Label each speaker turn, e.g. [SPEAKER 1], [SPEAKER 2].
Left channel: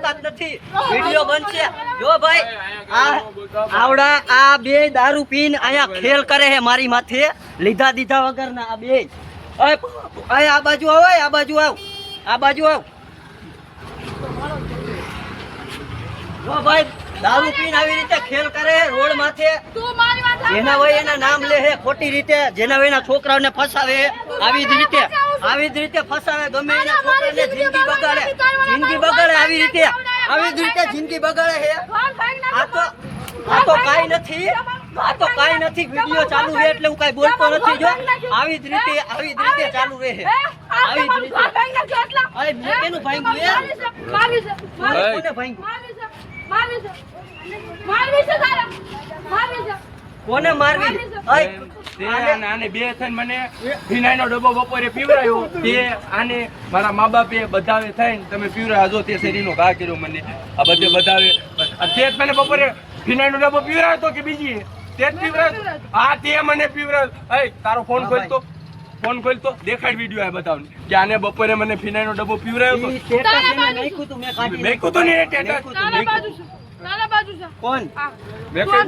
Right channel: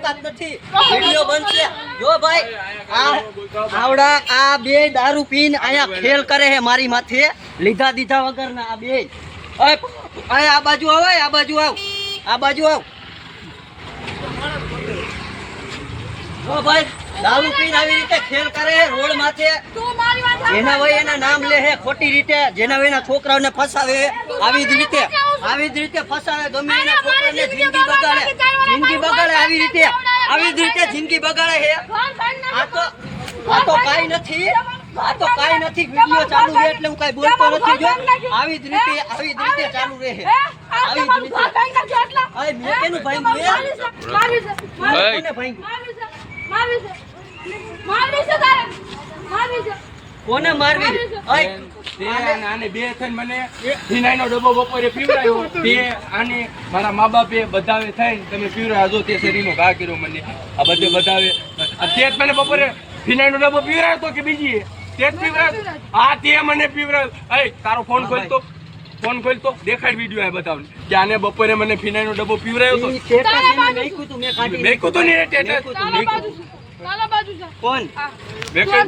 [SPEAKER 1] ઓકાત નથી. વિડિયો બનશે. જો ભાઈ, આ આવડા, આ બે દારૂ પીને અહીંયા ખેલ કરે છે મારી માથે. લીધા દીધા વગરના આ બે. આ બાજુ આવો આ બાજુ આવ. આ બાજુ આવ. જો ભાઈ દારૂ પીને આવી રીતે ખેલ કરે છે રોડ માથે. જેના વય એના નામ લે છે ખોટી રીતે. જેના ભાઈ એના છોકરાઓને ફસાવે આવી જ રીતે. આવી જ રીતે ફસાવે ગમે એના છોકરાને જિંદગી બગાડે. જિંદગી બગાડે આવી રીતે. આવી જ રીતે જિંદગી બગાડે હે. આ તો આ તો કાઈ નથી. આ તો કાઈ નથી. વિડિયો ચાલુ છે એટલે હું કાઈ બોલતો નથી જો. આવી જ રીતે આવી જ રીતે ચાલુ રહે આવી જ રીતે. અરે મેં કેનું ભાઈ મારી છે મારી છે મારી ભાંગ્યું? કોને મારવી?
[SPEAKER 2] તે આને આને બે થઈને મને ફિનાઈનો ડબ્બો બપોરે પીવડાયો. તે આને મારા મા બાપે બધાવે થઈને તમે પીવડાવ્યો જો તે શરીરનો ઘા કર્યો મને. આ બધે બધાવે તે જ મને બપોરે ફિનાઈનો ડબ્બો પીવડાવ્યો તો કે બીજી તે જ પીવડાવ્યો હા તે મને પીવડાવ્યો એ તારો ફોન ખોલતો. ફોન ખોલતો. દેખાડ વીડિયો આ બતાવ કે આને બપોરે મને ફિનાઈનો ડબ્બો તો.
[SPEAKER 1] મેં
[SPEAKER 2] કીધું ને
[SPEAKER 1] મેં કીધું. કોણ?
[SPEAKER 2] મેં